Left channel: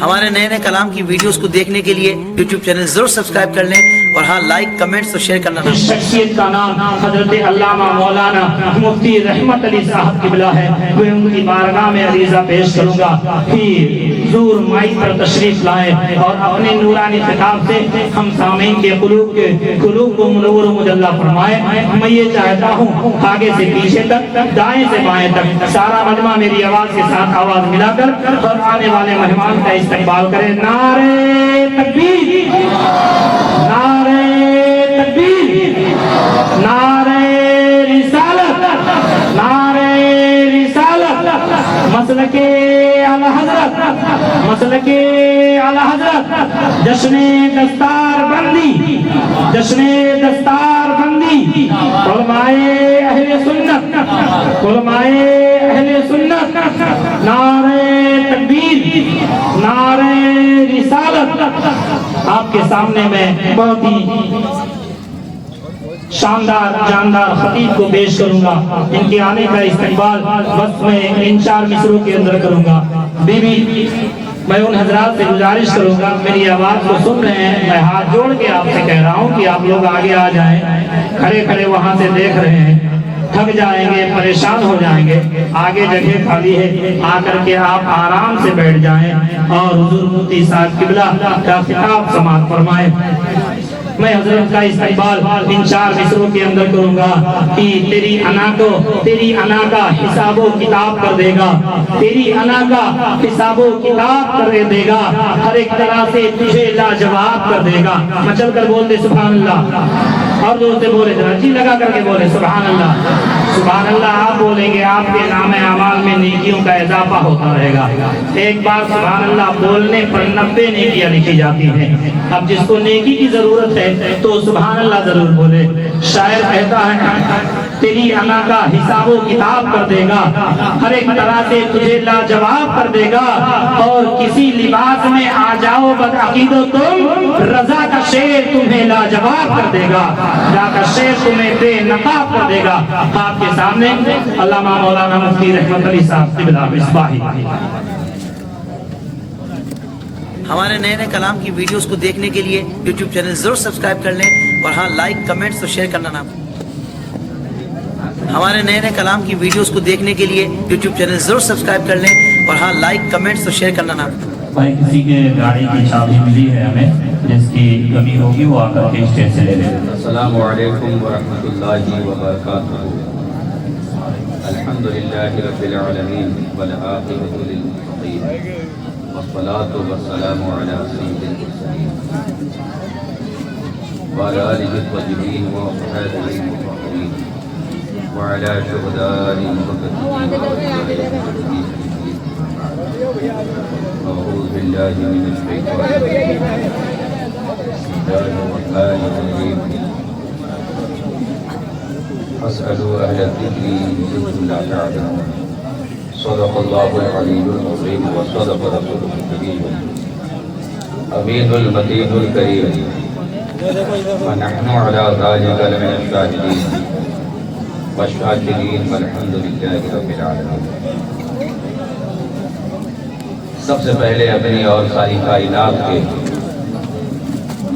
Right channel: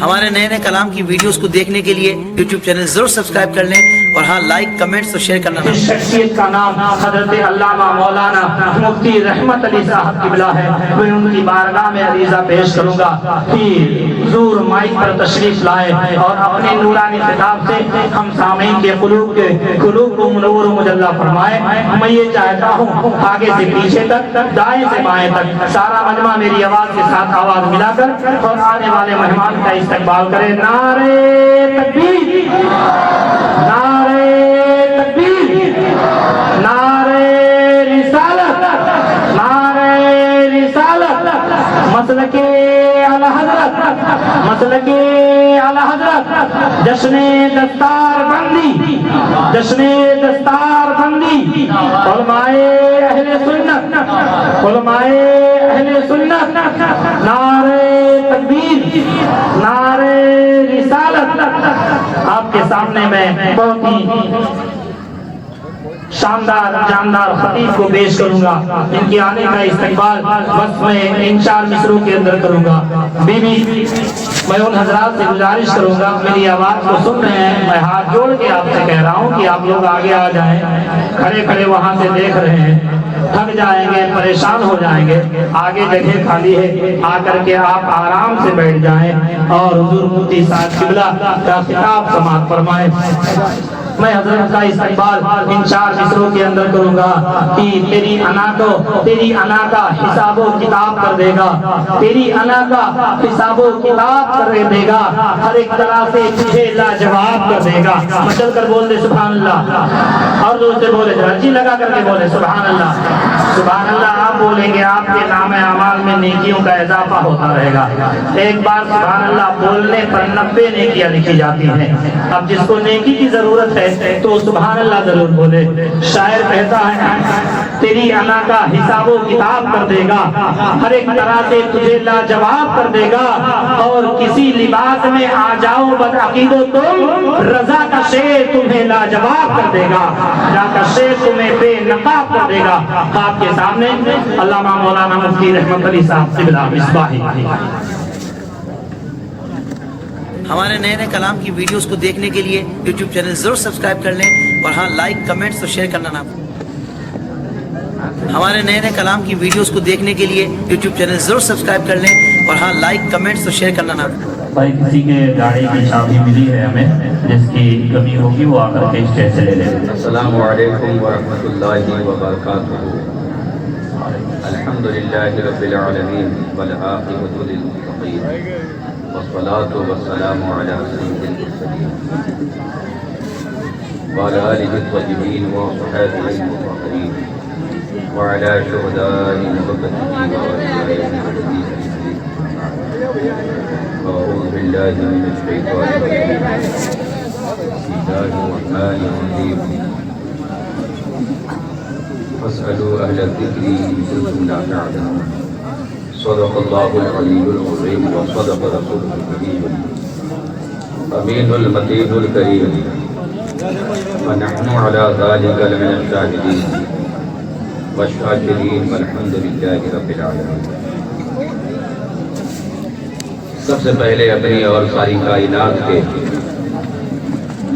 ہمارے نئے نئے کلام کی ویڈیوز کو دیکھنے کے لیے یوٹیوب چینل ضرور سبسکرائب کر لیں اور ہاں لائک کمنٹس اور شیئر کرنا نہ بھولیں۔ شخصیت کا نام حضرت علامہ مولانا مفتی رحمت علی صاحب قبلہ ہے۔ میں ان کی بارگاہ میں عریضہ پیش کروں گا کہ حضور مائک پر تشریف لائے اور اپنے نورانی خطاب سے ہم سامعین کے قلوب کو منور و مجلہ فرمائے۔ میں یہ چاہتا ہوں آگے سے پیچھے تک، دائیں سے بائیں تک سارا مجمع میری آواز کے ساتھ آواز ملا کر اور آنے والے مہمان کا استقبال کرے۔ نعرے تکبیر، نعرے تکبیر، نعرے رسالت، نعرے رسالت، مسلک اعلی حضرت، مسلک اعلی حضرت، جشن دستار بندی، جشن دستار بندی، علماء اہل سنت، علماء اہل سنت، نعرے تکبیر، نعرے رسالت۔ آپ کے سامنے میں بہت ہی شاندار جاندار خطیب کو پیش کروں گا۔ ان کے آنے کا استقبال وقت میں ان 4 مصروں کے اندر کروں گا۔ بی بی میں ان حضرات سے گزارش کروں گا، میری آواز کو سن رہے ہیں، میں ہاتھ جوڑ کے آپ سے کہہ رہا ہوں کہ آپ لوگ آگے آ جائیں۔ کھڑے کھڑے وہاں سے دیکھ رہے ہیں، تھک جائیں گے، پریشان ہو جائیں گے، آگے جگہ خالی ہے، آ کر کے آپ آرام سے بیٹھ جائیں اور حضور مفتی صاحب قبلہ کا خطاب سماعت فرمائیں۔ میں حضرت کا استقبال ان 4 مصروں کے اندر کروں گا کہ تیری انا کا حساب و کتاب کر دے گا، تیری انا کا حساب و کتاب کر دے گا، ہر ایک طرح سے تجھے لاجواب کر دے گا۔ مچل کر بول دے سبحان اللہ، اور دوسرے بولے جی لگا کر کے بولے سبحان اللہ، سبحان اللہ۔ آپ بولیں گے آپ کے نام اعمال میں نیکیوں کا اضافہ ہوتا رہے گا۔ ایک بار سبحان اللہ بولنے پر 90 نیکیاں لکھی جاتی ہیں۔ اب جس کو نیکی کی ضرورت ہے تو سبحان اللہ ضرور بولے۔ شاعر کہتا ہے تیری انا کا حساب و کتاب کر دے گا، ہر ایک طرح سے تجھے لاجواب کر دے گا، اور کسی لباس میں آ جاؤ بدعقید و تم، رضا کا شیر تمہیں لاجواب کر دے گا، رضا کا شیر تمہیں بے نقاب کر دے گا۔ آپ کے سامنے علامہ مولانا مفتی رحمت علی صاحب قبلہ مصباحی۔ ہمارے نئے نئے کلام کی ویڈیوز کو دیکھنے کے لیے یوٹیوب چینل ضرور سبسکرائب کر لیں اور ہاں لائک کمنٹس اور شیئر کرنا نہ بھولیں۔ ہمارے نئے نئے کلام کی ویڈیوز کو دیکھنے کے لیے یوٹیوب چینل ضرور سبسکرائب کر لیں اور ہاں لائک کمنٹس اور شیئر کرنا نہ بھولیں۔ بھائی کسی کے گاڑی کی چابی ملی ہے ہمیں، جس کی کمی ہوگی وہ آ کر کے اسٹیج سے لے لیں۔ السلام علیکم ورحمۃ اللہ وبرکاتہ۔ الحمدللہ رب العالمین والعاقبۃ للمتقین والصلاة والسلام علی سید المرسلین وعلی آلہ الطیبین وصحبہ المطہرین وعلی شہداء المقدسین اعوذ باللہ من الشیطان الرجیم بسم اللہ الرحمن الرحیم فاسألوا اہل الذکر ان کنتم لا تعلمون۔ صدق اللہ العلی العظیم وصدق رسولہ الکریم امین المتین الکریم ونحن علی ذلک لمن الشاہدین والشاکرین والحمد للہ رب العالمین۔ سب سے پہلے اپنی اور ساری کائنات کے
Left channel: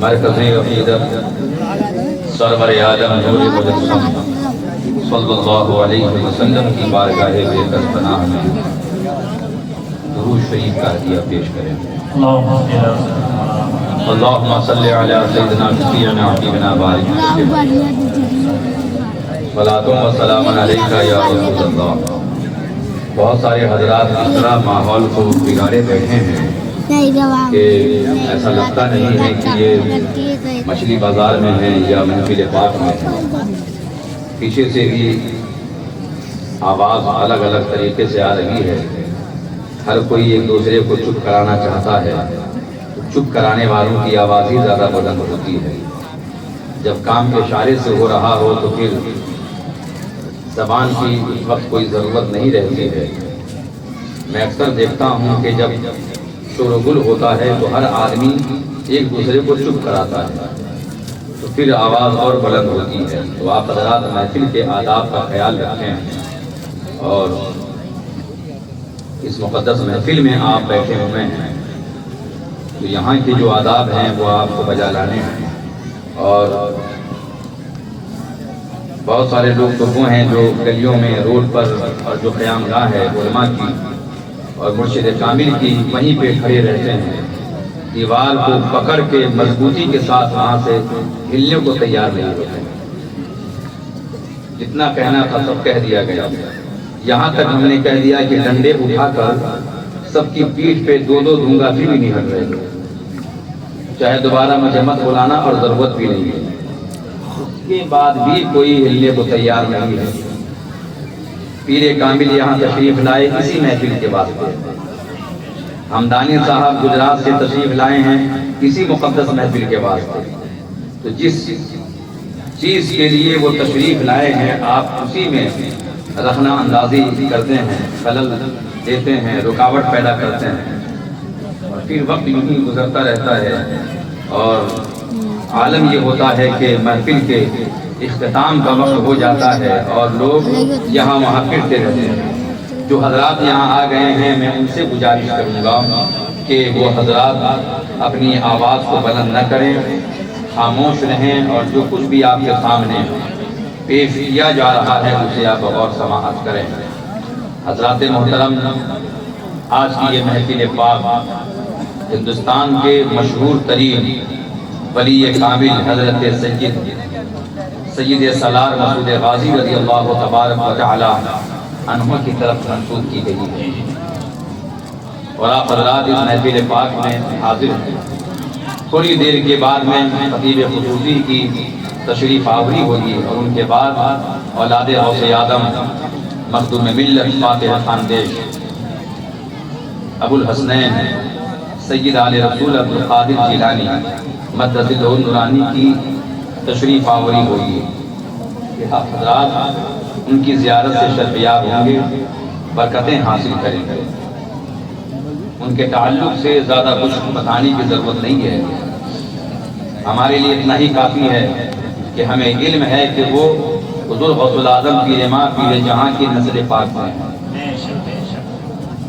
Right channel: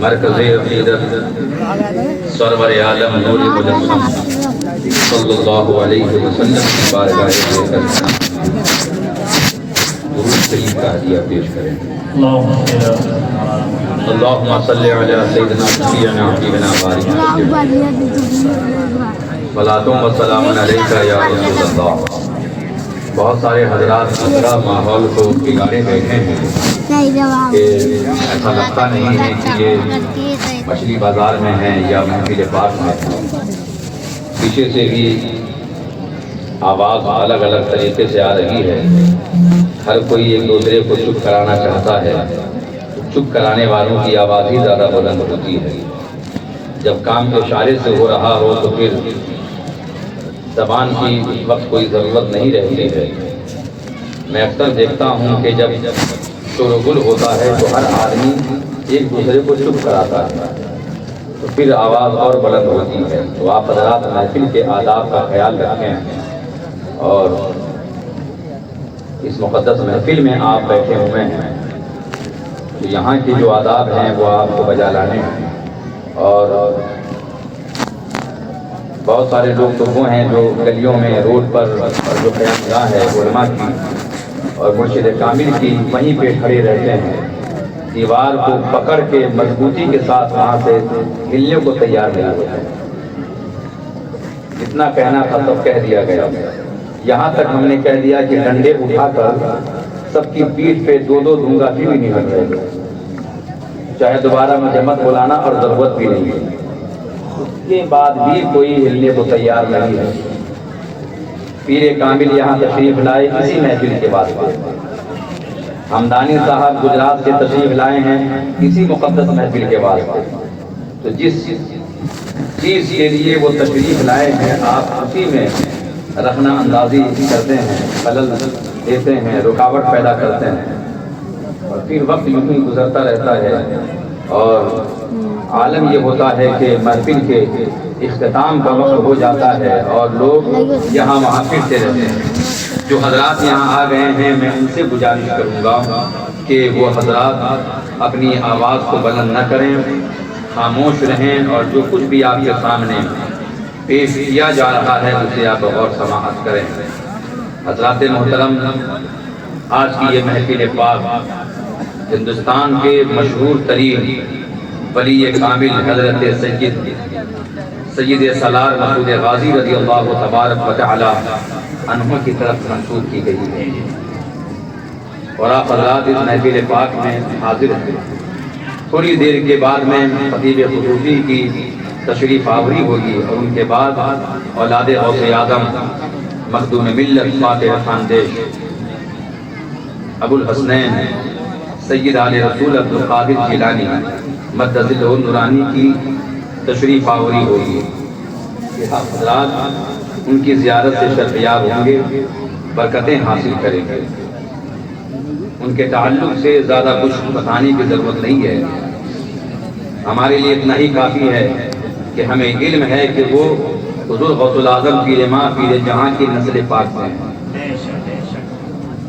مرکز عقیدت سرور عالم نور مجسم صلی اللہ علیہ وسلم کی بارگاہ درود شریف کا ہدیہ پیش کریں۔ اللہم صلی علی سیدنا شفیعنا حبیبنا بارک صلاۃ و سلام علیک یا رسول اللہ۔ بہت سارے حضرات اس طرح ماحول کو بگاڑے بیٹھے ہیں کہ ایسا لگتا نہیں ہے کہ یہ مچھلی بازار میں ہیں یا محفل پاک میں ہیں۔ پیچھے سے بھی آواز الگ الگ طریقے سے آ رہی ہے، ہر کوئی ایک دوسرے کو چپ کرانا چاہتا ہے، چپ کرانے والوں کی آواز ہی زیادہ بلند ہوتی ہے۔ جب کام اشارے سے ہو رہا ہو تو پھر زبان کی اس وقت کوئی ضرورت نہیں رہتی ہے۔ میں اکثر دیکھتا ہوں کہ جب شور و گل ہوتا ہے تو ہر آدمی ایک دوسرے کو چپ کراتا ہے، تو پھر آواز اور بلند ہوتی ہے۔ تو آپ حضرات محفل کے آداب کا خیال رکھیں، اور اس مقدس محفل میں آپ بیٹھے ہوئے ہیں تو یہاں کے جو آداب ہیں وہ آپ کو بجا لانے ہیں. اور بہت سارے لوگ تو وہ ہیں جو گلیوں میں روڈ پر جو قیام گاہ ہے علماء کی اور مرشد کامل کی وہیں پہ کھڑے رہتے ہیں, دیوار کو پکڑ کے مضبوطی کے ساتھ وہاں سے ہلنے کو تیار نہیں ہوتے ہیں. جتنا کہنا تھا سب کہہ دیا گیا. یہاں تک ہم نے کہہ دیا کہ ڈنڈے اٹھا کر سب کی پیٹھ پہ دو دو دوں گا پھر بھی نہیں ہٹ رہے, چاہے دوبارہ مجھے مت بلانا اور ضرورت بھی نہیں ہے. اس کے بعد بھی کوئی ہلنے کو تیار نہیں ہے. پیر کامل یہاں تشریف لائے اسی محفل کے واسطے. ہمدانی صاحب گجرات سے تشریف لائے ہیں اسی مقدس محفل کے واسطے. تو جس چیز کے لیے وہ تشریف لائے ہیں آپ اسی میں رخنہ اندازی کرتے ہیں, خلل دیتے ہیں, رکاوٹ پیدا کرتے ہیں, اور پھر وقت یوں ہی گزرتا رہتا ہے. اور عالم یہ ہوتا ہے کہ محفل کے اختتام کا وقت ہو جاتا ہے اور لوگ یہاں وہاں پھرتے رہتے ہیں. جو حضرات یہاں آ گئے ہیں میں ان سے گزارش کروں گا کہ وہ حضرات اپنی آواز کو بلند نہ کریں, خاموش رہیں, اور جو کچھ بھی آپ کے سامنے پیش کیا جا رہا ہے اسے آپ غور سماعت کریں. حضرات محترم, آج کی یہ محفل پاک ہندوستان کے مشہور ترین ولی کامل حضرت سید سالار مسعود غازی رضی اللہ تبارک و تعالی عنہ کی طرف منسوب کی گئی ہے, اور آپ حضرات اس محفل پاک میں حاضر ہیں. تھوڑی دیر کے بعد میں خطیب خصوصی کی تشریف آوری ہوگی, اور ان کے بعد اولاد غوث اعظم مخدوم ملت فاتح خاندیش ابو الحسنین سید آل رسول عبد القادر جیلانی مدد نورانی کی تشریف آوری ہوگی. آپ حضرات ان کی زیارت سے شرفیاب ہوں گے, برکتیں حاصل کریں گے. ان کے تعلق سے زیادہ کچھ بتانے کی ضرورت نہیں ہے. ہمارے لیے اتنا ہی کافی ہے کہ ہمیں علم ہے کہ وہ حضور غوث الاعظم پیر ماں پیر جہاں کی نسل پاک ہیں,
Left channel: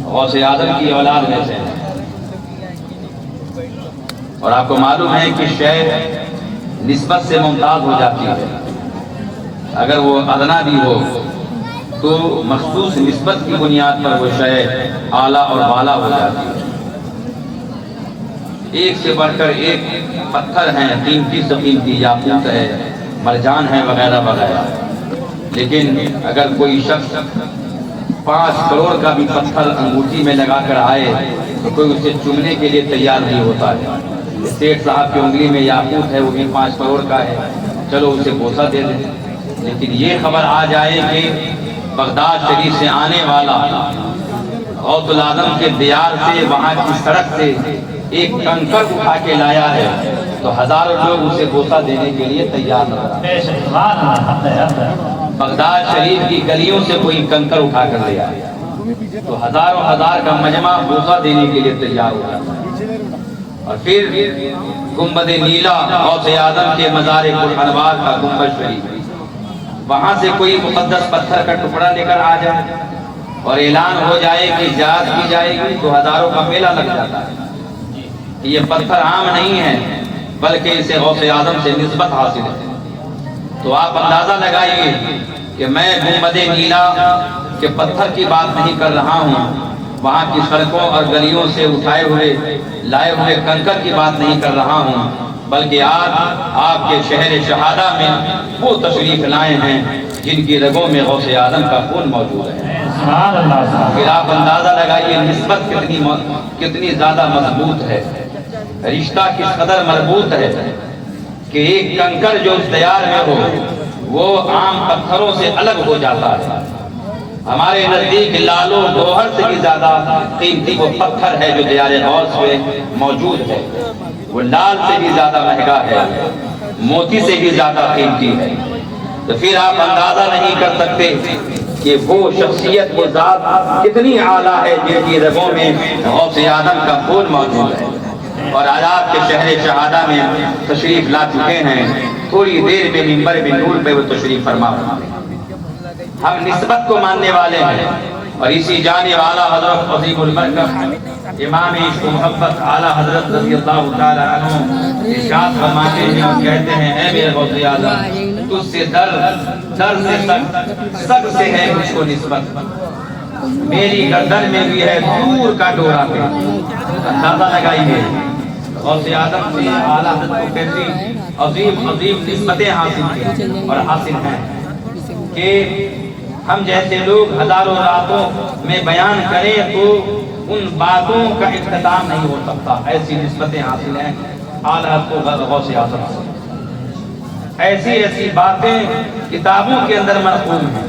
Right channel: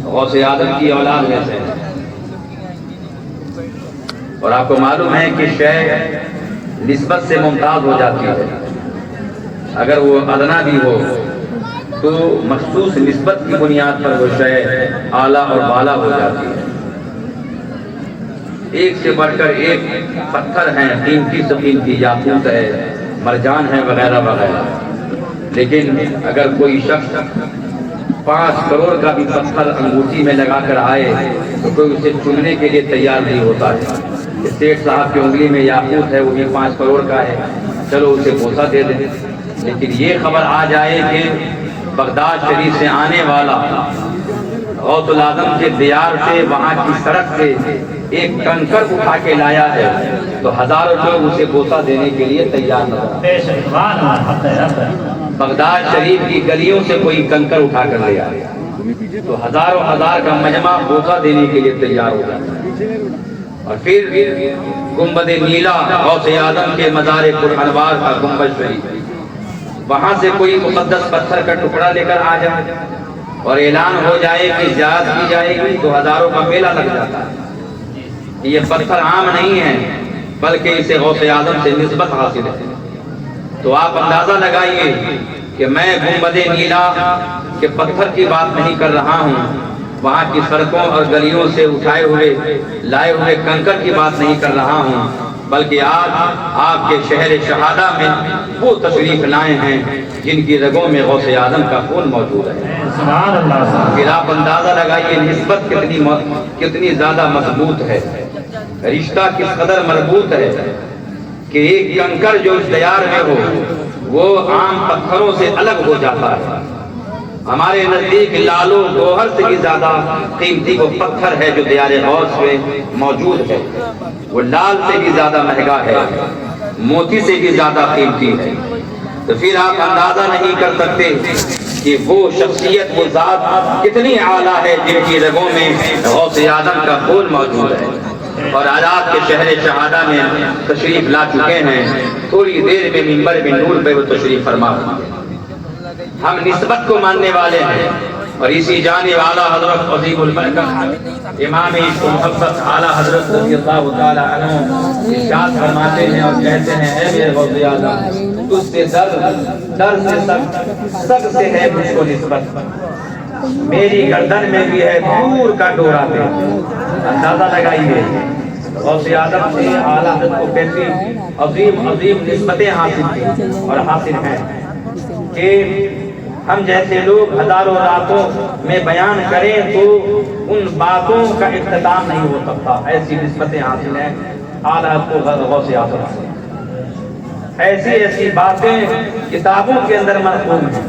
غوث اعظم کی اولاد میں سے. اور آپ کو معلوم ہے کہ شے نسبت سے ممتاز ہو جاتی ہے. اگر وہ ادنا بھی ہو تو مخصوص نسبت کی بنیاد پر وہ شے اعلیٰ اور بالا ہو جاتی ہے. ایک سے بڑھ کر ایک پتھر ہیں, قیمتی سے قیمتی, یاقوت ہے, مرجان ہے, وغیرہ وغیرہ. لیکن اگر کوئی شخص 5 کروڑ کا بھی پتھر انگوٹھی میں لگا کر آئے تو کوئی اسے چومنے کے لیے تیار نہیں ہوتا ہے. سیٹھ صاحب کی انگلی میں یاقوت ہے, وہ بھی 5 کروڑ کا ہے, چلو اسے بوسہ دے دیں. لیکن یہ خبر آ جائے کہ بغداد شریف سے آنے والا غوث الاعظم کے دیار سے وہاں کی سڑک سے ایک کنکر اٹھا کے لایا ہے تو ہزاروں لوگ اسے بوسہ دینے کے لیے تیار نہ ہوتے. بغداد شریف کی گلیوں سے کوئی کنکر اٹھا کر لے آیا تو ہزاروں ہزار کا مجمع بوسہ دینے کے لیے تیار ہو جاتا. اور پھر گنبد نیلا غوث اعظم کے مزار کل انوار کا گنبد شریف, وہاں سے کوئی مقدس پتھر کا ٹکڑا لے کر آ جائے اور اعلان ہو جائے کہ جات کی جائے گی تو ہزاروں کا میلہ لگ جاتا ہے. یہ پتھر عام نہیں ہے بلکہ اسے غوث اعظم سے نسبت حاصل ہے. تو آپ اندازہ لگائیے کہ میں گنبد نیلا کے پتھر کی بات نہیں کر رہا ہوں, وہاں کی سڑکوں اور گلیوں سے اٹھائے ہوئے لائے ہوئے کنکر کی بات نہیں کر رہا ہوں, بلکہ آج آپ کے شہر شہادہ میں وہ تشریف لائے ہیں جن کی رگوں میں غوث اعظم کا خون موجود ہے. پھر آپ اندازہ لگائیے نسبت کتنی زیادہ مضبوط ہے, رشتہ کس قدر مربوط ہے کہ ایک کنکر جو اس دیار میں ہو وہ عام پتھروں سے الگ ہو جاتا ہے. ہمارے نزدیک لالو گوہر سے بھی زیادہ قیمتی وہ پتھر ہے جو دیار غوث میں موجود ہے. وہ لال سے بھی زیادہ مہنگا ہے, موتی سے بھی زیادہ قیمتی ہے. تو پھر آپ اندازہ نہیں کر سکتے کہ وہ شخصیت وہ ذات کتنی اعلیٰ ہے جن کی رگوں میں غوث اعظم کا خون موجود ہے. اور آج آپ کے شہر شہادہ میں تشریف لا چکے ہیں, تھوڑی دیر میں منبر نور پہ وہ تشریف فرما. ہم نسبت کو ماننے والے ہیں, اور اسی جانب اعلیٰ حضرت عظیم البرکت امام عشق و محبت اعلیٰ حضرت رضی اللہ تعالیٰ عنہ ارشاد فرماتے ہیں اور کہتے ہیں اے میرے غوث اعظم تجھ سے در سے سب سے ہے مجھ کو نسبت، میری گردن میں بھی ہے دور کا ڈورا پہ، اندازہ لگائیے غوث اعظم سے اعلیٰ حضرت کو کیسی عظیم عظیم نسبتیں حاصل کی اور حاصل ہیں کہ ہم جیسے لوگ ہزاروں راتوں میں بیان کریں تو ان باتوں کا اختتام نہیں ہو سکتا، ایسی نسبتیں حاصل ہیں اعلیٰ حضرت غوث اعظم سے۔ ایسی ایسی باتیں کتابوں کے اندر مرقوم ہیں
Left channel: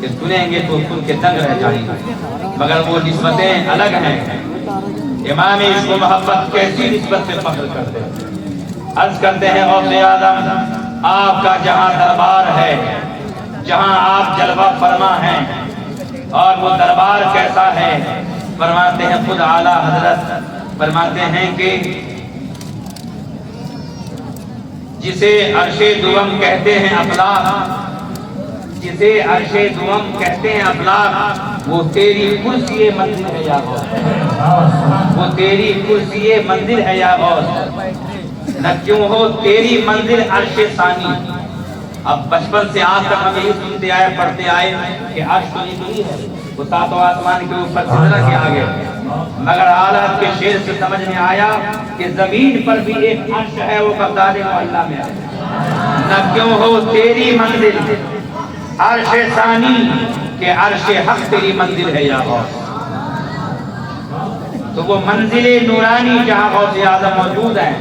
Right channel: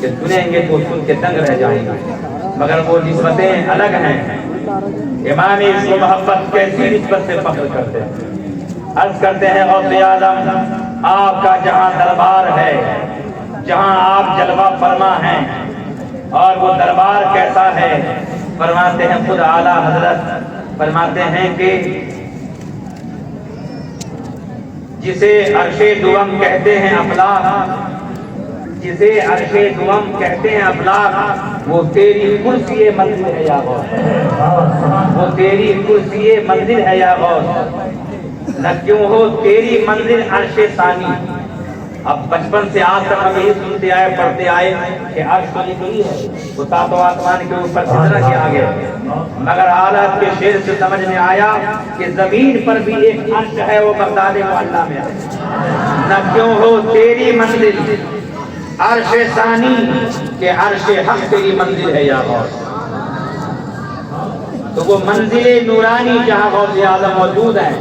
کہ سنیں گے تو سن کے دنگ رہ جائیں گے، مگر وہ نسبتیں الگ ہیں۔ امام عشق و محبت کیسی نسبت سے فخر کرتے ہیں، عرض کرتے ہیں غوث اعظم آپ کا جہاں دربار ہے، جہاں آپ جلوہ فرما ہیں، اور وہ دربار کیسا ہے فرماتے ہیں خود اعلیٰ حضرت فرماتے ہیں کہ جسے عرش دوم کہتے ہیں افلاک، جسے عرش دوم کہتے ہیں افلاک، وہ تیری کرسی منزل ہے یا غوث، وہ تیری کرسی منزل ہے یا غوث، نہ کیوں ہو تیری منزل عرش ثانی۔ اب بچپن سے آج تک ہم یہی سنتے آئے پڑھتے آئے کہ عرش تو نہیں ہے، وہ ساتوں آسمان کے اوپر سجدہ کے آگے، مگر اعلیٰ کے شعر سے سمجھ میں آیا کہ زمین پر بھی ایک عرش ہے، وہ بغداد معلیٰ میں ہے، نہ کیوں ہو تیری منزل عرش ثانی کہ عرش حق تیری منزل ہے یا غوث۔ تو وہ منزل نورانی جہاں غوث اعظم موجود ہے،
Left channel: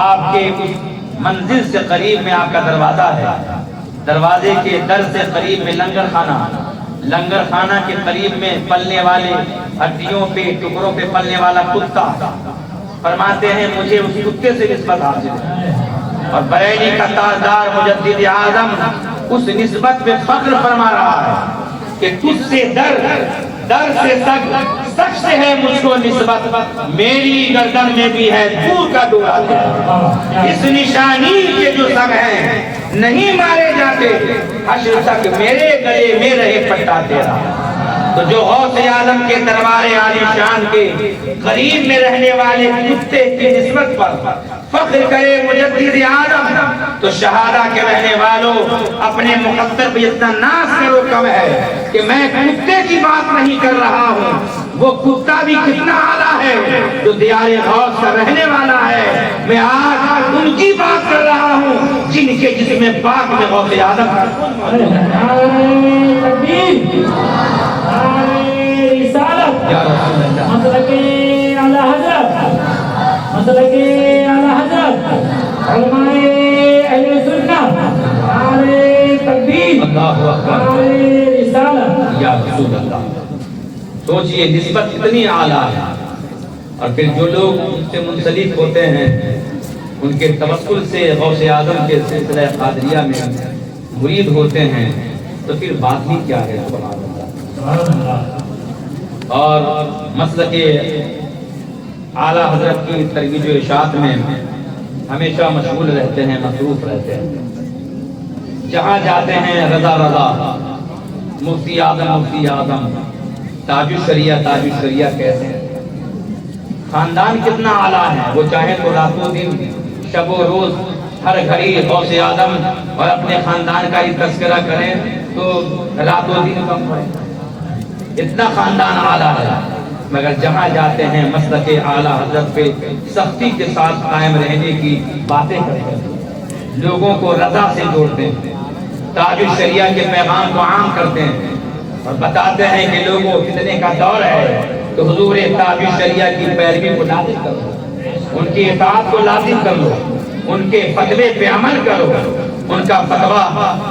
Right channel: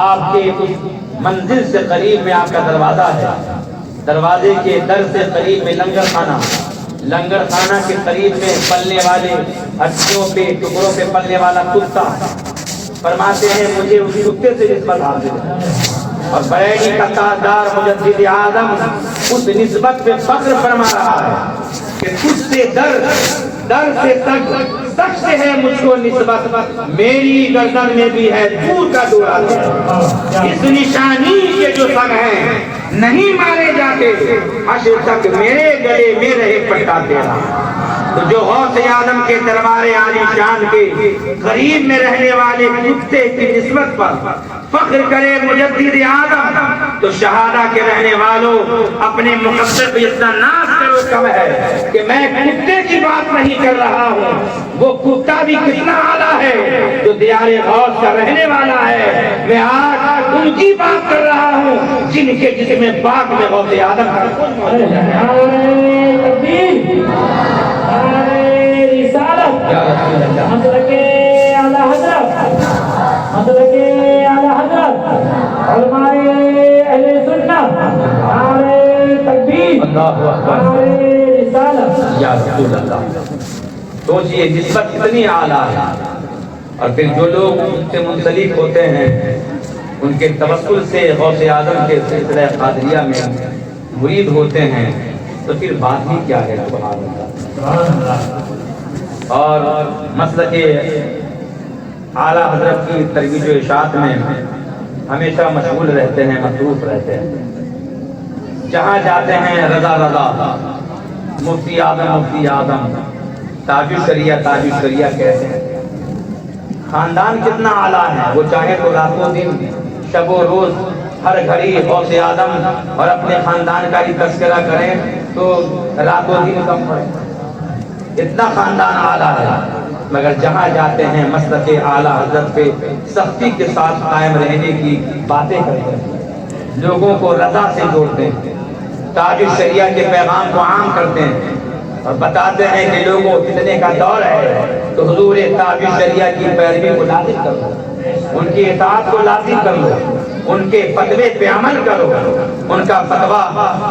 آپ کے اس منزل سے قریب میں آپ کا دروازہ ہے، دروازے کے در سے قریب میں لنگر خانہ، لنگر خانہ کے قریب میں پلنے والے ہڈیوں پہ ٹکڑوں پہ پلنے والا کتا، فرماتے ہیں مجھے اس کتے سے نسبت حاصل ہے، اور بریلی کا تاجدار مجدد اعظم اس نسبت پہ فخر فرما رہا ہے کہ تجھ سے در سے تک سے ہے مجھ کو نسبت، میری گردن میں بھی ہے دور کا ڈورا، اس نشانی کے جو سب ہیں نہیں مارے جاتے، حشر تک میرے گلے میں رہے پٹا تیرا۔ تو جو غوث اعظم کے دربار عالی شان کے قریب میں رہنے والے کتے کی نسبت پر فخر کرے مجدد اعظم، تو شہادہ کے رہنے والوں اپنے مقدر پہ اتنا ناز کرو کم ہے کہ میں کتے کی بات نہیں کر رہا ہوں، وہ کتا بھی کتنا اعلیٰ ہے جو دیار غوث کا رہنے والا ہے، میں آج ان کی بات کر رہا ہوں جن کے جسم پاک میں غوث اعظم کا سوچئے نسبت اتنی اعلیٰ ہے، اور پھر جو لوگ ان سے منسلک ہوتے ہیں ان کے توسل سے غوث اعظم کے سلسلہ قادریہ میں مرید ہوتے ہیں، تو پھر بات ہی کیا ہے سبحان اللہ۔ اور مسلک اعلیٰ حضرت کی ترویج و اشاعت میں ہمیشہ مشغول رہتے ہیں، مصروف رہتے ہیں، جہاں جاتے ہیں رضا رضا، مفتی اعظم، تاج الشریعہ کہتے ہیں۔ خاندان کتنا اعلیٰ ہے، وہ چاہے تو راتوں دن شب و روز ہر گھڑی غوث اعظم اور اپنے خاندان کا ہی تذکرہ کریں تو راتوں دن کم پڑے، اتنا خاندان اعلیٰ ہے، مگر جہاں جاتے ہیں مسلک اعلیٰ حضرت پہ سختی کے ساتھ قائم رہنے کی باتیں کرتے ہیں، لوگوں کو رضا سے جوڑتے ہیں، تاج الشریعہ کے پیغام کو عام کرتے ہیں، اور بتاتے ہیں کہ لوگوں فتنے کا دور ہے تو حضور تاج الشریعہ کی پیروی کو لازم کرو، ان کی اطاعت کو لازم کر لو، ان کے فتوے پہ عمل کرو، ان کا فتویٰ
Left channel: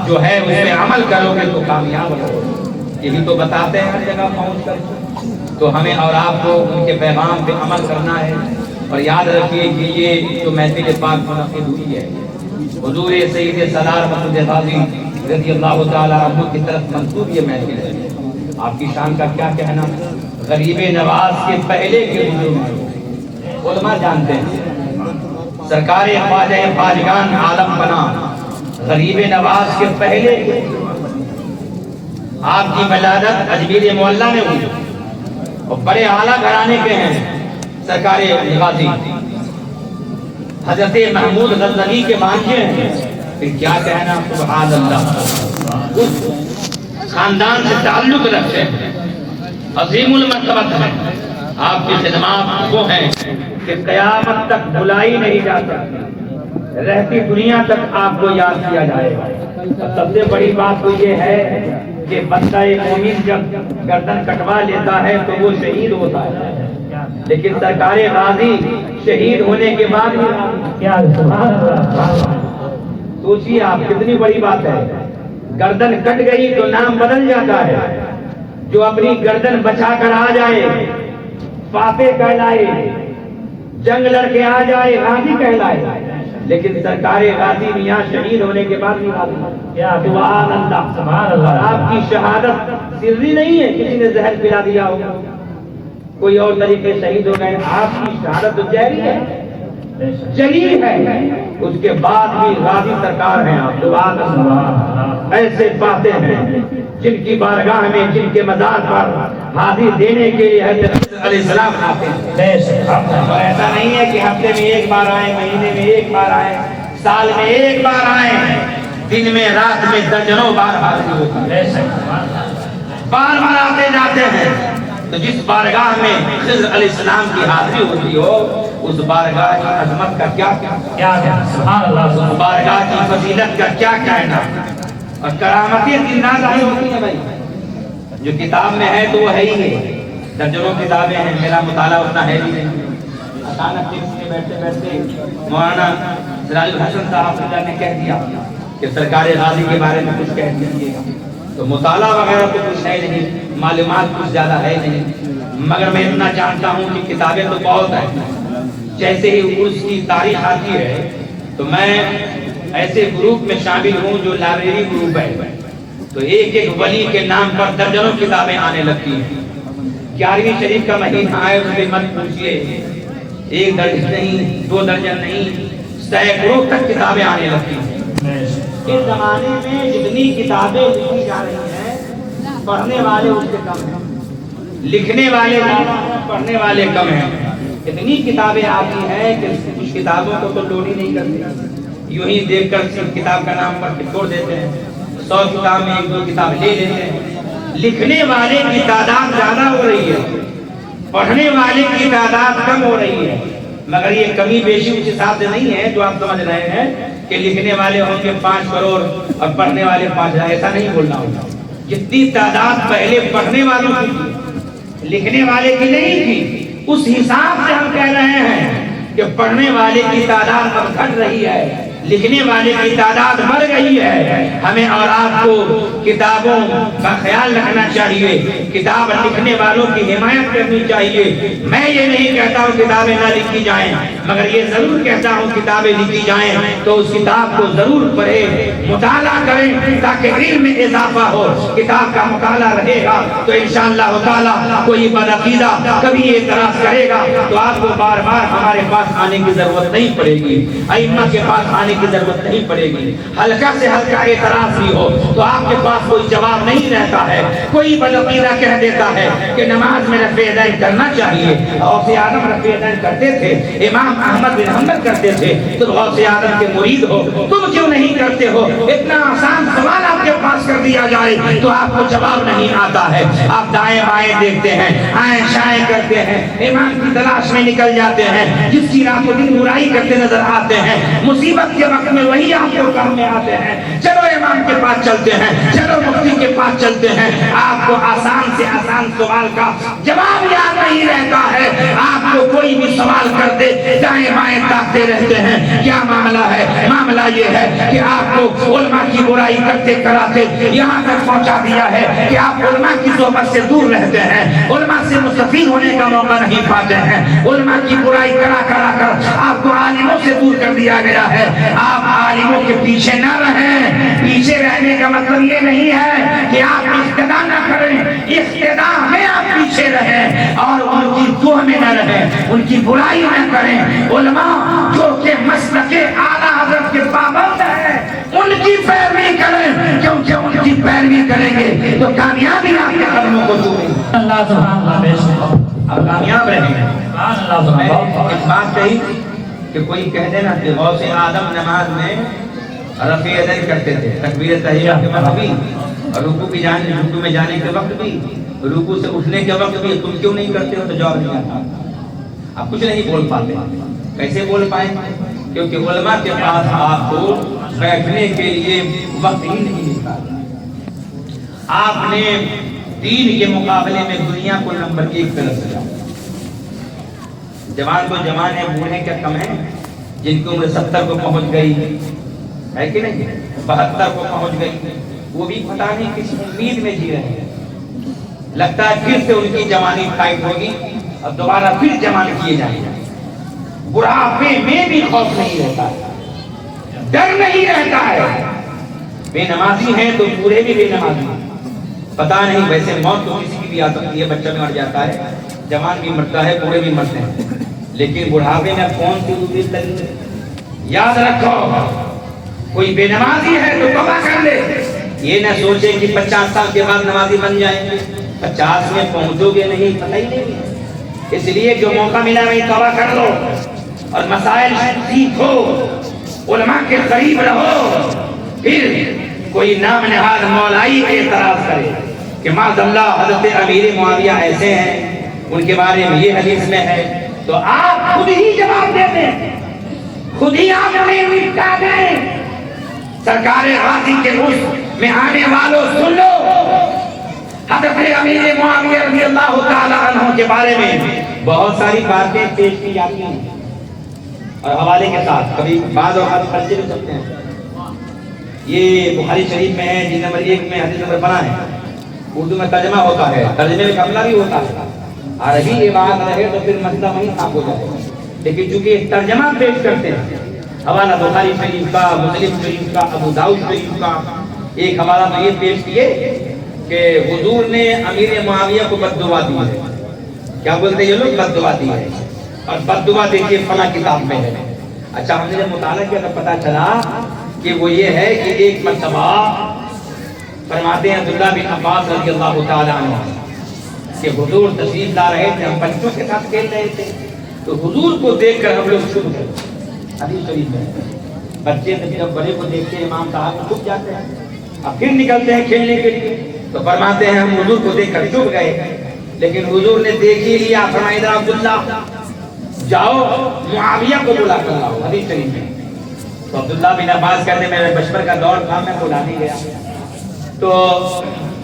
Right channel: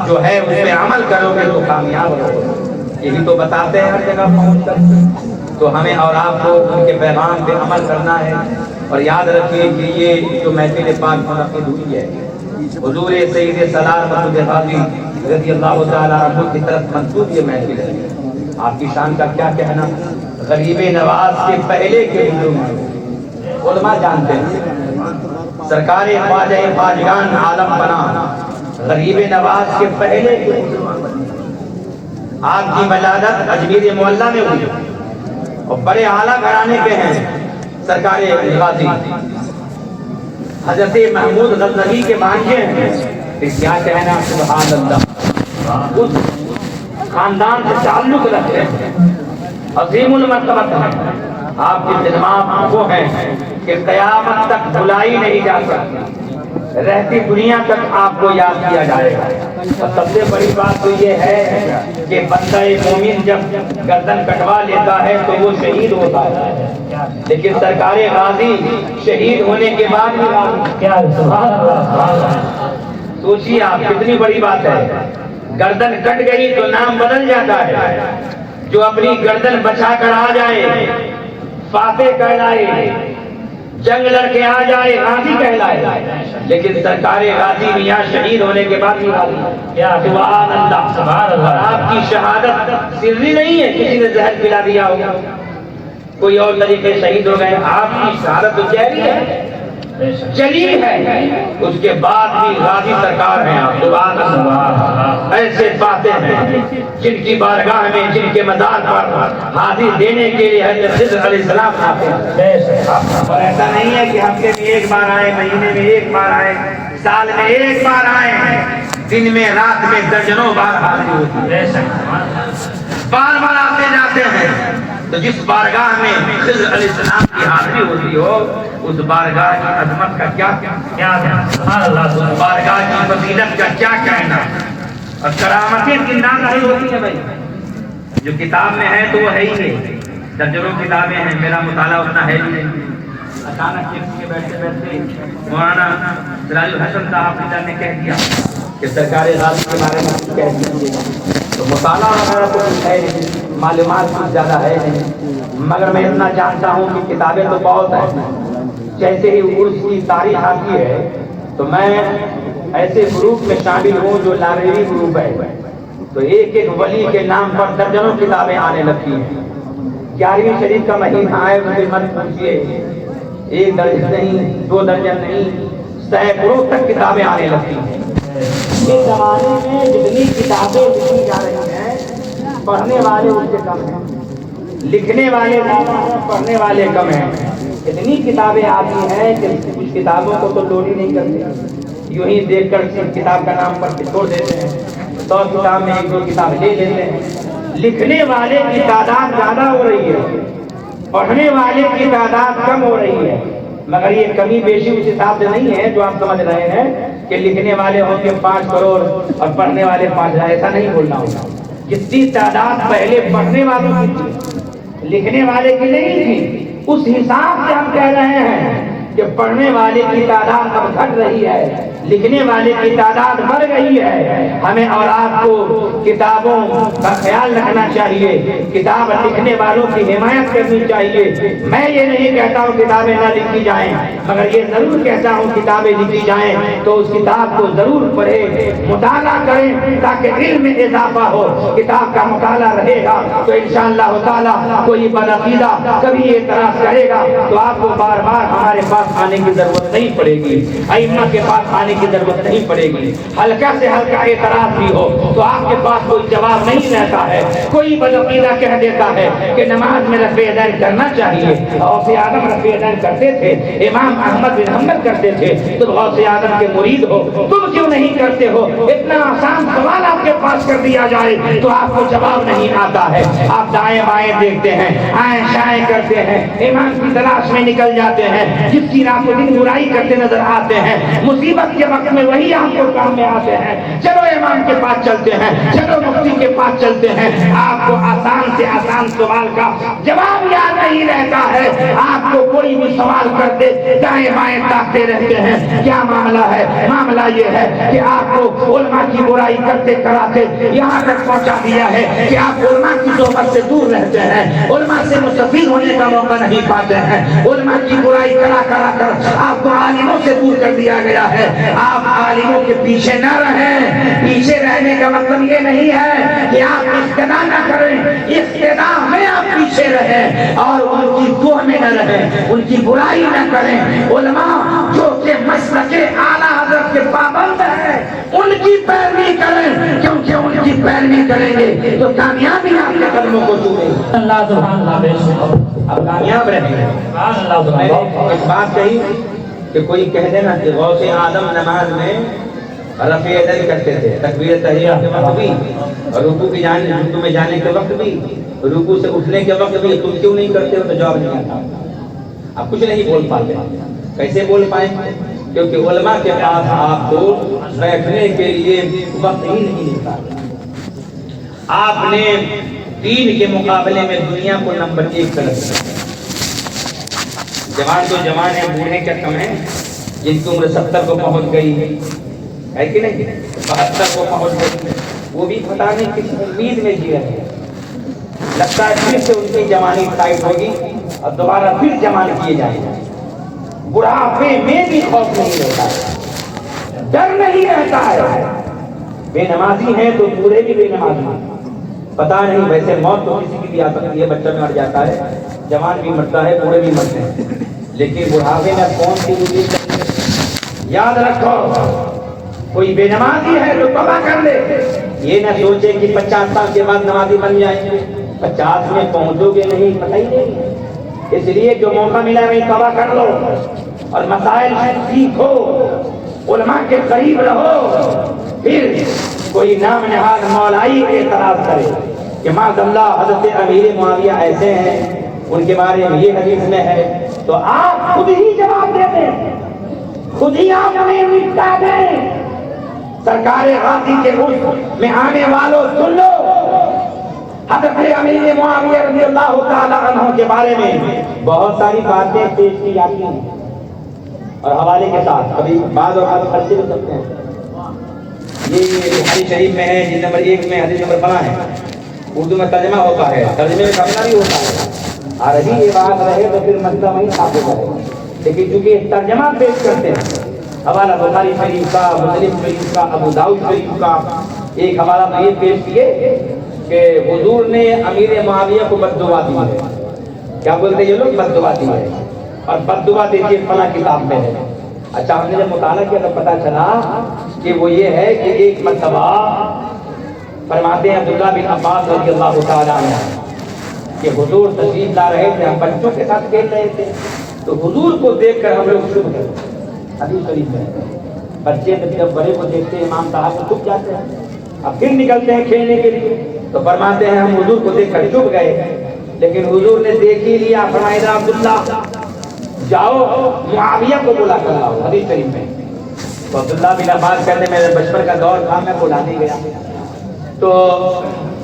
جو ہے اس پہ عمل کرو گے تو کامیاب ہو۔ یہی تو بتاتے ہیں ہر جگہ پہنچ کر، تو ہمیں اور آپ کو ان کے پیغام پہ عمل کرنا ہے۔ اور یاد رکھیے کہ یہ جو محفل پاک منعقد ہوئی ہے حضور سید سالار مسعود غازی رضی اللہ تعالیٰ عنہ کی طرف منسوب یہ محفل ہے، آپ کی شان کا کیا کہنا، غریب نواز کے پہلے کے بزرگ علماء جانتے ہیں، سرکار خواجہ خواجگان عالم پناہ غریب نواز کے پہلے کے آپ کی ولادت اجمیر معلیٰ میں ہوئی اور بڑے اعلیٰ گھرانے کے ہیں سرکار غازی حضرت محمود غزنوی کے بانجے ہیں. کیا کہنا سبحان اللہ. اس خاندان سے تعلق رکھتے ہیں, عظیم المرتبت ہیں. آپ کی خدمات وہ ہیں کہ قیامت تک بھلائی نہیں جا سکتی, رہتی دنیا تک آپ کو یاد کیا جائے گا. اور سب سے بڑی بات تو یہ ہے کہ بندہ مومن جب گردن کٹوا لیتا ہے تو وہ شہید ہوتا ہے, لیکن سرکار غازی شہید ہونے کے بعد کیا سوچیے آپ, کتنی بڑی بات ہے. گردن کٹ گئی تو نام بدل جاتا ہے. جو اپنی گردن بچا کر آ جائے فاتح کہلائے, جنگ لڑ کے آ جائے غازی کہلائے. لیکن سرکار غازی میاں شہید ہونے کے بعد بھی سبحان اللہ. آپ کی شہادت سری نہیں ہے کسی نے زہر پلا دیا ہوگا, کوئی اور طریقے شہید ہو گئے. آپ کی شہادت تو جاری ہے, جلی ہے. اس کے بعد بھی غازی سرکار ہیں آپ. سبحان اللہ. ایسے باتیں ہیں جن کی بارگاہ میں, جن کے مزار پر حاضری دینے کے لیے حضرت خضر علیہ السلام آتے ہیں. اور ایسا نہیں ہے کہ ہفتے میں ایک بار آئے, مہینے میں ایک بار آئے, سال میں ایک بار آئے, دن میں رات میں درجنوں بار حاضری ہوتی ہے. بار بار آتے جاتے ہیں. تو جس بارگاہ میں خضر علیہ السلام کی حاضری ہوتی ہو اس بارگاہ کی عظمت کا کیا اس بارگاہ کی فضیلت کا کیا کہنا. اور کرامتیں زندہ نہیں ہوتی ہیں بھائی. جو کتاب میں ہے تو وہ ہے ہی نہیں, درجنوں کتابیں ہیں, میرا مطالعہ اتنا ہے ہی نہیں. اچانک بیٹھتے بیٹھتے مولانا سراج الحسن صاحب نے کہہ دیا کہ سرکار غازی کے بارے میں کچھ کہہ دیجیے. تو مطالعہ وغیرہ تو کچھ ہے نہیں, معلومات کچھ زیادہ ہے نہیں, مگر میں اتنا جانتا ہوں کہ کتابیں تو بہت ہیں. جیسے ہی عرس کی تاریخ آتی ہے تو میں ایسے گروپ میں شامل ہوں جو لائبریری گروپ ہے, تو ایک ایک ولی کے نام پر درجنوں کتابیں آنے لگتی ہیں. 11ویں شریف کا مہینہ آئے اس میں مت پوچھئے, ایک درجن نہیں, 2 درجن نہیں, سینکڑوں تک کتابیں آنے لگتی ہیں. اس زمانے میں جتنی کتابیں لکھی جا رہی ہیں پڑھنے والے اس سے کم ہیں, لکھنے والے پڑھنے والے کم ہیں. اتنی کتابیں آتی ہیں کہ کچھ کتابوں کو تو لوڈ ہی نہیں کرتے, یوں ہی دیکھ کر کتاب کا نام پڑھ کے چھوڑ دیتے ہیں. 100 کتاب میں 1-2 کتاب لے لیتے ہیں. لکھنے والے کی تعداد زیادہ ہو رہی ہے, پڑھنے والے کی تعداد کم ہو رہی ہے. مگر یہ کمی بیشی اس حساب سے نہیں ہے جو آپ سمجھ رہے ہیں کہ لکھنے والے ہوں گے 5 کروڑ اور پڑھنے والے 5,000. ایسا نہیں بولنا ہوگا. جتنی تعداد پہلے پڑھنے والوں کی تھی لکھنے والے کی نہیں تھی, اس حساب سے ہم کہہ رہے ہیں کہ پڑھنے والے کی تعداد اب گھٹ رہی ہے, لکھنے والے کی تعداد بڑھ گئی ہے. ہمیں اور آپ کو کتابوں کا خیال رکھنا چاہیے, کتاب لکھنے والوں کی حمایت کرنی چاہیے. میں یہ نہیں کہتا ہوں کتابیں نہ لکھی جائیں, مگر یہ ضرور کہتا ہوں کتابیں لکھی جائیں تو اس کتاب کو ضرور پڑھیں, مطالعہ کریں تاکہ علم میں اضافہ ہو. کتاب کا مطالعہ رہے گا تو انشاءاللہ تعالی کوئی بدعقیدہ کبھی اعتراض کرے گا تو آپ کو بار بار ہمارے پاس آنے کی ضرورت نہیں پڑے گی, ائمہ کے پاس آنے کی ضرورت نہیں پڑے گی. ہلکا سے ہلکا اعتراض بھی ہو تو آپ کے پاس کوئی جواب نہیں رہتا ہے. کوئی بدعقیدہ کہہ دیتا ہے کہ نماز میں رفع یدین کرنا چاہیے, غوث اعظم رفع یدین کرتے تھے, امام احمد بن حنبل کرتے تھے, تو غوث اعظم کے مرید ہو تم کیوں نہیں کرتے ہو؟ اتنا آسان سوال آپ کے پاس کر دیا جائے تو آپ کو جواب نہیں آتا ہے. آپ دائیں بائیں دیکھتے ہیں, آئیں شائیں کرتے ہیں, امام کی تلاش میں نکل جاتے ہیں, جس کی رات و دن برائی کرتے نظر آتے ہیں. مصیبت کے وقت میں وہی آپ کو کام میں آتے ہیں. چلو امام کے پاس چلتے ہیں, چلو مفتی کے پاس چلتے ہیں. آپ کو آسان سے آسان سوال کا جواب یاد نہیں رہتا ہے. آپ کو کوئی بھی سوال کر دے دائیں بائیں تاکتے رہتے ہیں. کیا معاملہ ہے؟ معاملہ یہ ہے کہ آپ کو علماء کی برائی کرتے کراتے یہاں تک پہنچا دیا ہے کہ آپ علماء کی صحبت سے دور رہتے ہیں, علماء سے مستفید ہونے کا موقع نہیں پاتے ہیں. علماء کی برائی کرا کر آپ کو عالموں سے دور کر دیا گیا ہے. آپ عالموں کے پیچھے نہ رہیں. پیچھے رہنے کا مطلب یہ نہیں ہے کہ آپ اقتدا نہ کریں, اقتدا میں آپ پیچھے رہیں اور ان کی دو میں نہ رہیں, ان کی برائی نہ کریں. علماء جو کہ مسلک اعلیٰ حضرت کے پابند ہیں ان کی پیروی کریں, کیونکہ ان کی پیروی کریں گے تو کامیابی آپ کے قدموں کو چومے گی، اللہ سبحان اللہ بے شک اب کامیاب رہیں گے۔ سبحان اللہ سبحان میں اللہ ایک بات کہی کہ کوئی کہہ دینا کہ غوث آدم نماز میں رفع یدین کرتے تھے، تکبیر تحیہ کے وقت بھی، اور رکوع کی جانب رکوع میں جانے کے وقت بھی، رکوع سے اٹھنے کے وقت بھی، تم کیوں نہیں کرتے ہو؟ تو جواب نہیں آتا۔ اب کچھ نہیں بول پاتے، کیسے بول پائیں؟ کیونکہ علماء کے پاس آپ کو بیٹھنے کے لیے وقت ہی نہیں ملتا۔ آپ نے دین کے مقابلے میں دنیا کو نمبر 1 کر دیا۔ جوان تو جوان ہے، بوڑھے کیا کم ہیں، جن کی عمر 70 کو پہنچ گئی ہے کہ نہیں، 72 کو پہنچ گئی، وہ بھی پتہ نہیں کس امید میں جی رہے ہیں۔ لگتا ہے پھر سے ان کی جوانی ٹائٹ ہوگی اور دوبارہ پھر جوان کیے جائیں گے۔ بڑھاپے میں بھی خوف نہیں رہتا ہے، ڈر نہیں رہتا ہے۔ بے نمازی ہیں تو بوڑھے بھی بے نمازی ہیں۔ پتہ نہیں، ویسے موت تو کسی کی بھی آ سکتی ہے، بچہ مر جاتا ہے، جوان بھی مرتا ہے، بوڑھے بھی مرتے ہیں، لیکن بڑھاپے میں کون سی دوسری چیز؟ یاد رکھو، کوئی بے نمازی ہے تو توبہ کر لے۔ یہ نہ سوچے کہ 50 سال کے بعد نمازی بن جائیں گے، 50 میں پہنچو گے نہیں، پتہ ہی نہیں۔ اس لیے جو موقع ملا وہی توبہ کر لو اور مسائل سیکھو، علماء کے قریب رہو۔ پھر کوئی نام نہاد مولائی کے اعتراض کرے کہ معاذ اللہ حضرت امیر معاویہ ایسے ہیں، ان کے بارے میں یہ حدیث میں ہے، تو آپ خود ہی جواب دے دیں، خود ہی آپ نے نپٹا دیں۔ سرکار غازی کے اس میں آنے والوں سن لو، حضرت امیر معاویہ رضی اللہ تعالی عنہ کے بارے میں بہت ساری باتیں پیش کی جاتی ہیں اور حوالے کے ساتھ، کبھی بعض اوقات خرچے بھی کرتے ہیں۔ یہ بخاری شریف میں ہے، جلد نمبر 1 میں حدیث نمبر 12 ہے، اردو میں ترجمہ ہوتا ہے، ترجمے میں بنگلہ بھی ہوتا ہے، عربی یہ بات رہے تو پھر مسئلہ وہیں ثابت ہے، لیکن چونکہ ترجمہ پیش کرتے ہیں، حوالہ بخاری شریف کا، مسلم شریف کا، ابو داؤد شریف کا، ایک حوالہ میں یہ پیش کیے کہ حضور نے امیر معاویہ کو بد دعا دی ہے۔ کیا بولتے ہیں یہ لوگ؟ بد دعا دی ہے، اور بد دعا دیکھیے فلاں کتاب میں ہے۔ اچھا، ہم نے جب مطالعہ کیا تو پتا چلا کہ وہ یہ ہے کہ ایک مرتبہ فرماتے ہیں عبداللہ بن عباس رضی اللہ تعالی عنہ کہ حضور تشریف لا رہے تھے، ہم بچوں کے ساتھ کھیل رہے تھے، تو حضور کو دیکھ کر ہم لوگ چھپ گئے۔ حدیث شریف میں بچے جب بڑے کو دیکھتے ہیں امام صاحب کو چھپ جاتے ہیں، اب پھر نکلتے ہیں کھیلنے کے لیے، تو فرماتے ہیں ہم حضور کو دیکھ کر چھپ گئے، لیکن حضور نے دیکھ ہی لیا، فرمایا عبداللہ جاؤ معاویہ کو بلا کر لاؤ۔ حدیث شریف میں تو عبداللہ بن عباس کہتے ہیں میرے بچپن کا دور تھا، میں بلا نہیں گیا، تو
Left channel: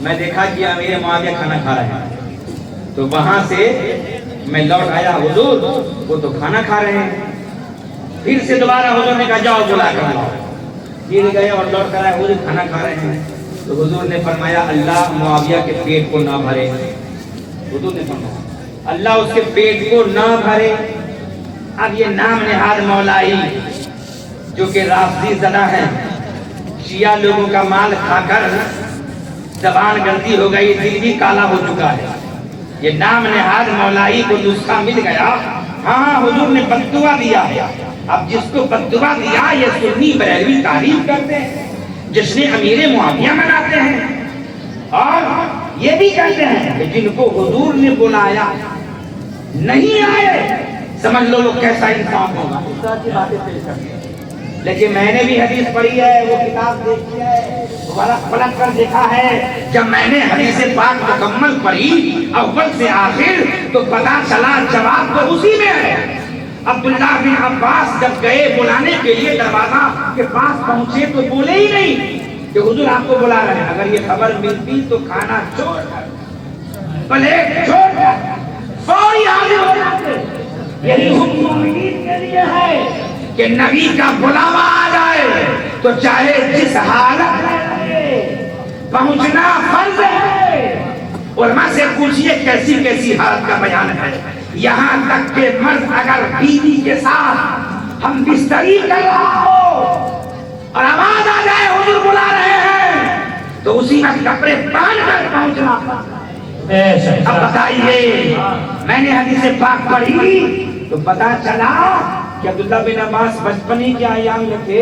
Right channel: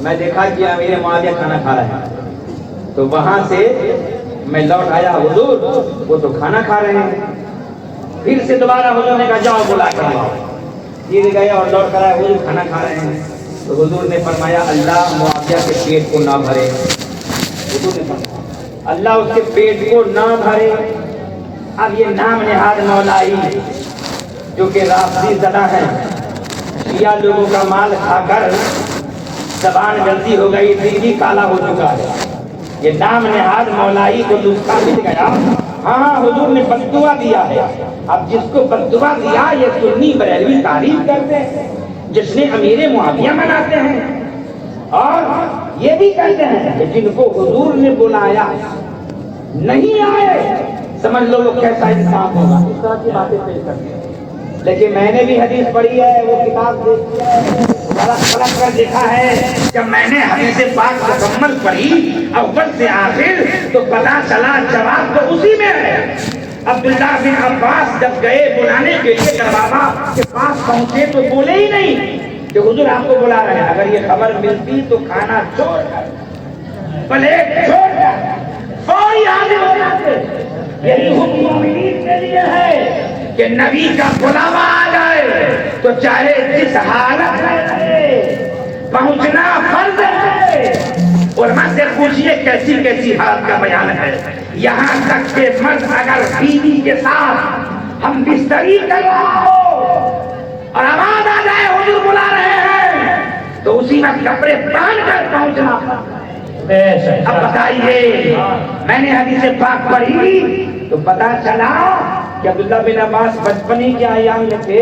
میں دیکھا کہ امیر معاویہ کھانا کھا رہے ہیں، تو وہاں سے میں لوٹ آیا، حضور وہ تو کھانا کھا رہے ہیں۔ پھر سے دوبارہ حضور نے کہا جاؤ بلا کر لاؤ، پھر گئے اور لوٹ کر آئے، حضور کھانا کھا رہے ہیں، تو حضور نے فرمایا اللہ معاویہ کے پیٹ کو نہ بھرے، حضور نے فرمایا اللہ اس کے پیٹ کو نہ بھرے۔ اب یہ نام نہاد مولائی جو کہ رافضی زدہ ہے، شیعہ لوگوں کا مال کھا کر زبان گردی ہو گئی، دل بھی کالا ہو چکا ہے، یہ نام نہاد مولائی کو نسخہ مل گیا۔ ہاں حضور نے بد دعا دیا ہے، اب جس کو بد دعا دیا یہ سنی بریلوی تعریف کرتے ہیں، جشن امیر معاویہ مناتے ہیں، اور یہ بھی کہتے ہیں کہ جن کو حضور نے بلایا نہیں آئے، سمجھ لو وہ کیسا انسان ہوگا، اس طرح کی باتیں پیش کرتے ہیں۔ لیکن میں نے بھی حدیث پڑھی ہے، وہ کتاب دیکھی ہے، پلٹ کر دیکھا ہے، جب میں نے حدیث پاک مکمل پڑھی اول سے آخر تو پتا چلا جواب تو اسی میں ہے۔ عبداللہ بن عباس جب گئے بلانے کے لیے دروازہ کے پاس پہنچے تو بولے ہی نہیں کہ حضور آپ کو بلا رہے ہیں، اگر یہ خبر ملتی تو کھانا چھوڑ کر، پلیٹ چھوڑ کر فوری حاضر ہو جاتے۔ یہی حکم مومنین کے لیے ہے کہ نبی کا بلاوا آ جائے تو چاہے جس حالت میں رہے پہنچنا فرض ہے۔ علماء سے پوچھئے کیسی کیسی حالت کا بیان ہے، یہاں تک کہ مرد اگر بیوی کے ساتھ ہم بستری کر رہا ہو اور آواز آ جائے حضور بلا رہے ہیں تو اسی وقت کپڑے باندھ کر پہنچنا۔ اب بتائیے، میں نے حدیث پاک پڑھی تو پتا چلا کہ عبداللہ بن عباس بچپن ہی کے ایام میں تھے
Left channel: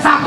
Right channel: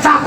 7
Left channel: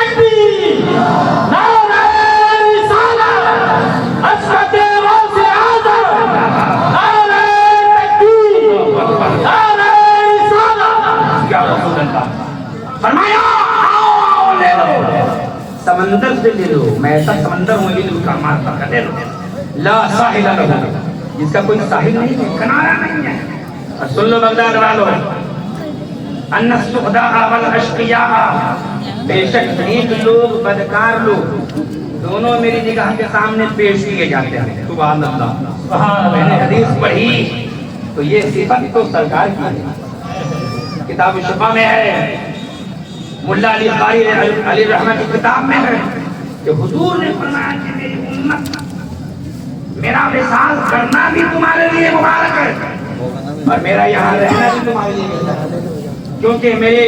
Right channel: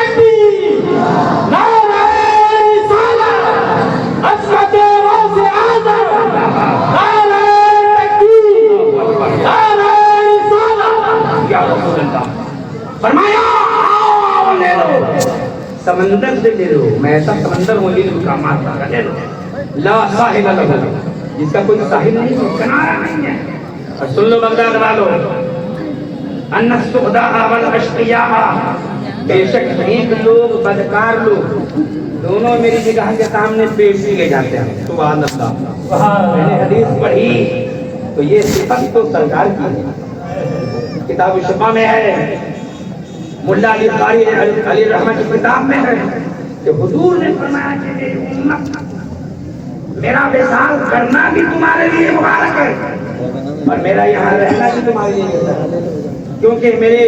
تکبیر، نعرہ رسالت، عظمت غوث اعظم، نعرہ تکبیر، نعرہ رسالت۔ یا رسول اللہ فرمایا آؤ لے لو، سمندر سے لے لو، میں ایسا سمندر ہوں جن کا مارتا کا لے لو، لا ساحل لہو، جس کا کوئی ساحل نہیں ہے، کنارہ نہیں ہے۔ اور سن لو بغداد والو، ان السعداء والاشقیاء، بے شک نیک لوگ بدکار لوگ دونوں میری جگہ کے سامنے پیش کیے جاتے ہیں۔ سبحان اللہ، میں نے حدیث پڑھی تو یہ صفت تو سرکار کی ہے، کتاب الشفا میں ہے، ملا علی قاری علی رحمت کی کتاب میں ہے کہ حضور نے فرمایا کہ میری امت میرا وصال کرنا بھی تمہارے لیے مبارک ہے اور میرا یہاں رہنا بھی تمہارے لیے مبارک ہے، کیونکہ میرے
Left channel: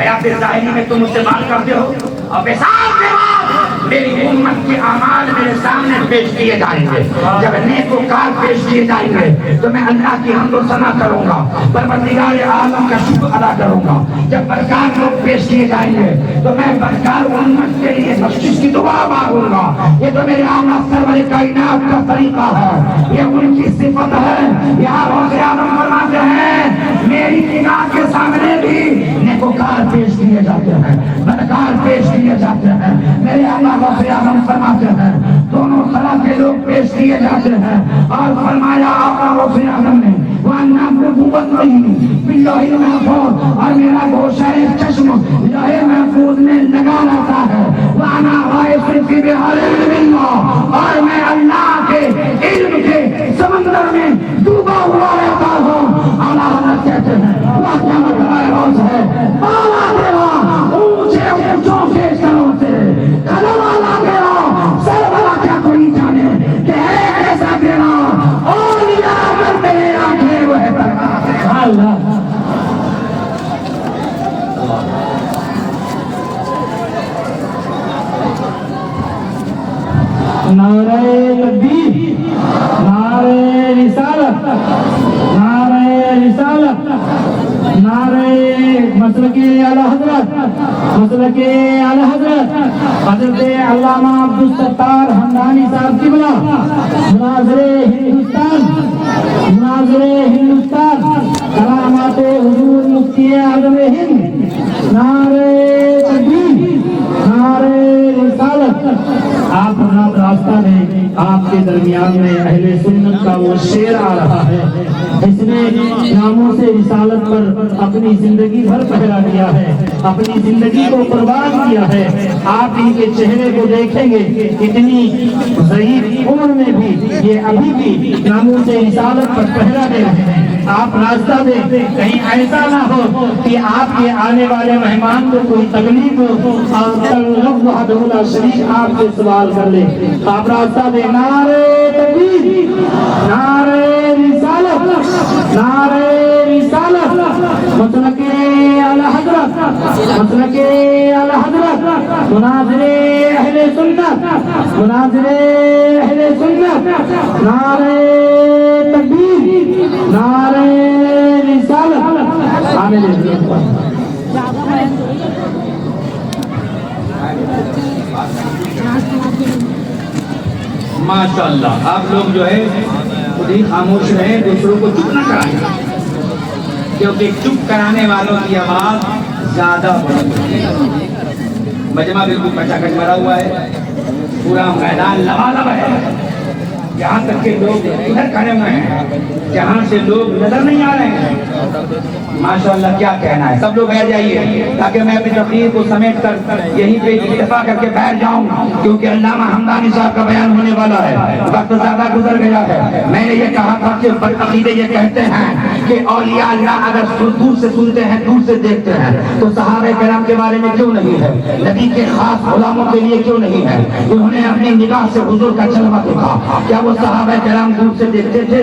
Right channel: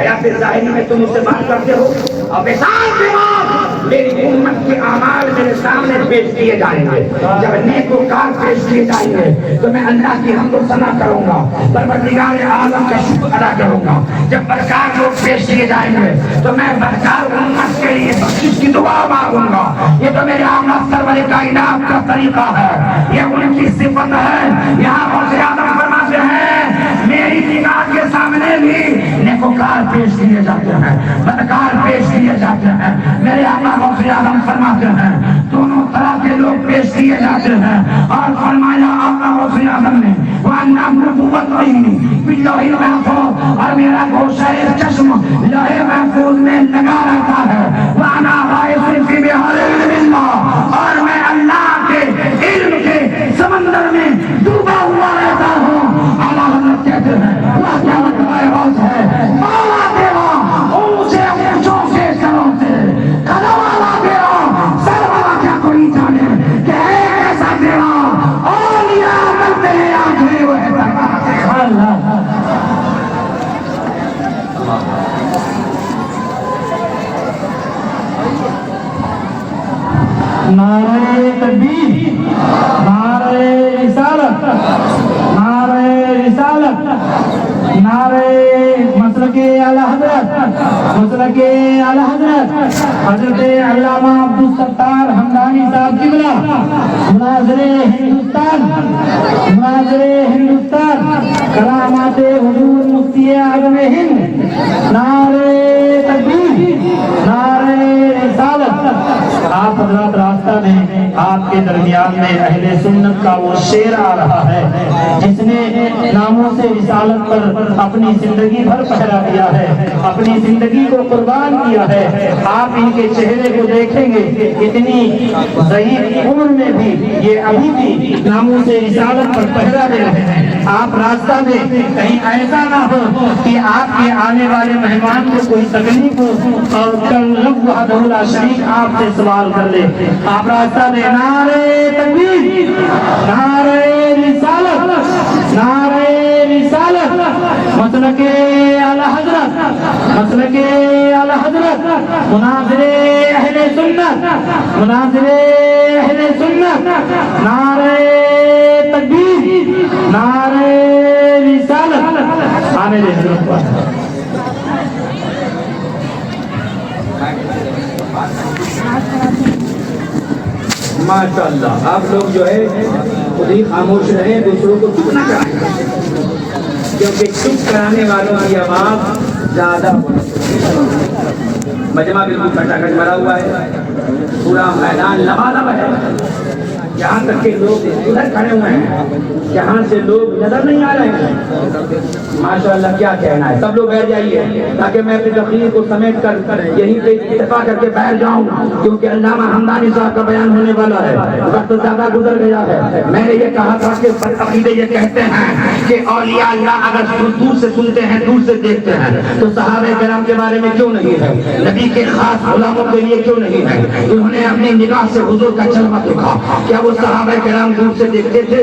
حیات ظاہری میں تم مجھ سے بات کرتے ہو اور وصال کے بعد میری امت کے اعمال میرے سامنے پیش کیے جائیں گے۔ جب نیکوکار پیش کیے جائیں گے تو میں اللہ کی حمد و ثنا کروں گا، پروردگار عالم کا شکر ادا کروں گا۔ جب بدکار لوگ پیش کیے جائیں گے تو میں بدکار امت کے لیے بخشش کی دعا مانگوں گا۔ یہ تو میرے آقا سرور کائنات کا طریقہ ہے، یہ ان کی صفت ہے۔ یہاں غوث اعظم فرماتے ہیں میری نگاہ کے سامنے بھی نیکوکار پیش کیے جاتے ہیں، بدکار پیش کیے جاتے ہیں۔ میرے آقا غوث اعظم فرماتے ہیں دونوں طرح کے لوگ پیش کیے جاتے ہیں، اور فرمایا آقا غوث اعظم نے وَأَنَّ نُبُوَّتِهِ بِاللَّهِ الْمَحْفُوظ، اور میرا گوشہ چشم لوح محفوظ میں لگا رہتا ہے، وَأَنَا غَائِصٌ فِي بِحَارِ اللَّهِ، اور میں اللہ کے علم کے سمندر میں ڈوبا ہوا رہتا ہوں۔ اعلیٰ حضرت کہتے ہیں اللہ کیا مطلب روز ہے، مولا تیرا اونچے اونچوں کے سروں سے قدم والا تیرا سر والا کیا کوئی جانے کہ ایک ایسا تیرا اولیاء اگر میرے آنکھیں وہ ہے اللہ۔ نعرہ تکبیر، نعرہ رسالت، نعرہ رسالت، نعرہ مسلک اعلی حضرت، مسلک اعلی حضرت حضرت علامہ عبدالستار حمدانی صاحب قبلہ، مناظر ہندوستان، مناظر ہندوستان، کلامات حضور مفتی اعظم ہند، نعرہ تکبیر، نعرہ رسالت۔ آپ حضرات راستہ میں آپ کے درمیان میں اہل سنت کا وہ شعر آ رہا ہے جس نے ناموں سے رسالت پر اپنی زندگی بھر پہرا کیا ہے، اپنی زندگی کو قربان کیا ہے۔ آپ ان کے چہرے کو دیکھیں گے، اتنی ضعیف عمر میں بھی یہ ابھی بھی ناموں سے رسالت پر پہرا دے رہے ہیں۔ آپ راستہ میں کہیں ایسا نہ ہو کہ آپ کے آنے والے مہمان کو کوئی تکلیف ہو اور کل وحدہ لا شریک آپ سے سوال کر لے۔ آپ راستہ دیں، نعرہ تکبیر، نعرہ رسالت، نعرہ رسالت، مسلک اعلی حضرت، مسلک اعلی حضرت، مناظر اہل سنت، مناظر اہل سنت، نعرہ تکبیر، نعرہ رسالت، عامل حضرت۔ ماشاءاللہ آپ لوگ جو ہے خود ہی خاموش رہیں، دوسروں کو چپ نہ کرائیں، کیونکہ چپ کرانے والوں کی آواز زیادہ مجمع بالکل کھٹا کھٹ بھرا ہوا ہے، پورا میدان لبالب ہے، یہاں تک کہ لوگ ادھر کھڑے ہوئے ہیں جہاں سے لوگ نظر نہیں آ رہے ہیں۔ ماشاءاللہ کیا کہنا ہے، سب لوگ بیٹھ جائیے تاکہ میں اپنی تقریر کو سمیٹ کر یہیں پہ اکتفا کر کے بیٹھ جاؤں، کیونکہ علامہ حمدانی صاحب کا بیان ہونے والا ہے، وقت زیادہ گزر گیا ہے۔ میں نے یہ کہا تھا کہ عقیدے یہ کہتے ہیں کہ اولیاء اللہ اگر دور سے سنتے ہیں، دور سے دیکھتے ہیں، تو صحابہ کرام کے بارے میں کیوں نہیں ہے، نبی کے خاص غلاموں کے لیے کیوں نہیں ہے؟ انہوں نے اپنی نگاہ سے حضور کا جلوہ دیکھا، کیا وہ صحابہ کرام دور سے دیکھتے تھے